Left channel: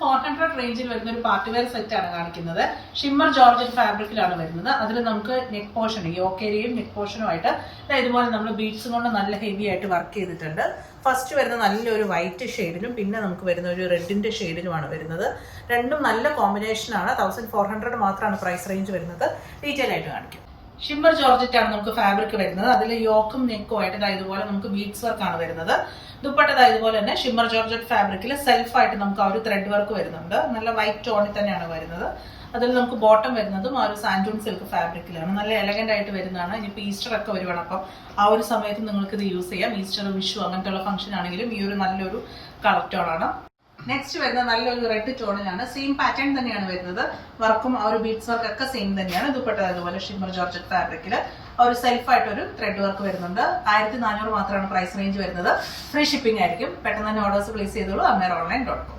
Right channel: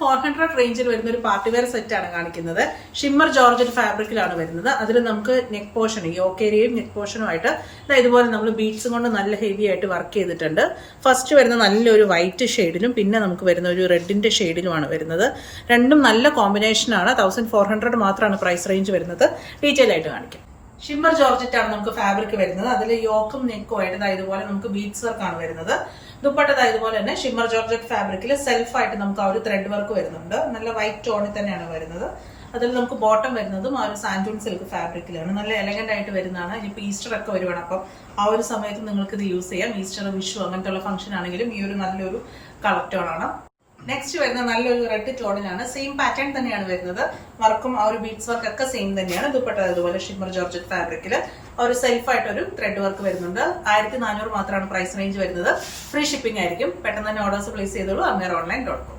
1400 റേഞ്ചിൽ വരുന്ന ഒരു പാർട്ടി വെയർ സെറ്റ് ആണ് കാണിക്കുന്നത്. ഷിമ്മർ ജോർജറ്റ് ഫാബ്രിക്കിലാണ് വരുന്നത്. അതിൽ നമുക്ക് നെക്ക് പോർഷൻ യോക്ക് ഏരിയയും നെക്ക് പോർഷനുമായിട്ട് ഇതുപോലെ നമ്മൾ ബീഡ്സും കൊണ്ട് നല്ല ഹെവി ആയിട്ട് വർക്ക് ചെയ്തിട്ടുണ്ട്. ഫസ്റ്റ് വരുന്ന നല്ലൊരു വൈറ്റ് ഷെയ്ഡിലും പിന്നെ നമുക്ക് വരുന്ന ഒരു റെഡിന്റെ ഷെയ്ഡിലുമാണ് വരുന്നത്. രണ്ടും നല്ല കോമ്പിനേഷനാണ്. 1400 മാത്രമാണ് പ്രൈസ് റേഞ്ച് വരുന്നത്. ഡീറ്റെയിൽ ആയിട്ട് കാണിക്കും. ഷിമ്മർ ജോർജറ്റ് ആണ് നമുക്ക് ഫാബ്രിക് വരുന്നത്. അതിൽ യോക്കും നെക്കും ആയിട്ട് ഇതുപോലെ നമുക്ക് ബീഡ്സ് വർക്ക് ആണ് വരുന്നത്. ദുപ്പട്ട ഇതുപോലെ തന്നെ ഷിമ്മർ ജോർജറ്റ് ഫാബ്രിക്കിൽ സെൽഫായിട്ട് നമുക്ക് ആ ഒരു ത്രെഡ് വർക്ക് വരുന്നുണ്ട്. നല്ല വൈറ്റ് ടോണിൽ തന്നെയാണ് വരുന്നത്. അതിൽ നമുക്ക് ബോട്ടം വരുന്നതും ആ ഒരു സാൻഡൂൺ സിൽക്ക് ഫാബ്രിക്കിലാണ്. നല്ല എലഗന്റ് ആയിട്ട് വരുന്നതാണ്. ഇനിയിപ്പോൾ ഈസ്റ്റർ ഒക്കെ വരുവാണ്, അപ്പം ആ ഒരു സമയത്ത് നിങ്ങൾക്ക് ഇത് യൂസ് ചെയ്യാം. ഈസ്റ്റർ, വിഷു അങ്ങനത്തെ ഉള്ള ഫംഗ്ഷൻ ആണെങ്കിലും ഈ ഒരു നല്ലൊരു കളർ ടോൺ ആണ്. നെക്സ്റ്റ് വരുന്ന നല്ലൊരു റെഡ് ടോണിലാണ്. സെയിം പാറ്റേൺ തന്നെയാണ് വരുന്നത്. വർക്കും ആ ഒരു ബീഡ്സ് വർക്ക് ഒക്കെ സെയിം തന്നെയാണ്. ദുപ്പട്ട അതുപോലെ ഷിമ്മർ ജോർജറ്റ് ഫാബ്രിക്കിൽ ഒരു സെൽഫായിട്ടൊരു ത്രെഡ് വർക്ക് വരുന്നുണ്ട്. 1400 മാത്രമാണ് പ്രൈസ് റേഞ്ച് വരുന്നത്. ഫ്രീ ഷിപ്പിംഗ് ആയിരിക്കും. പെട്ടെന്ന് തന്നെ ഓർഡേഴ്സ് പ്ലേസ് ചെയ്തോളൂ. അമേർ ഓൺലൈൻ.com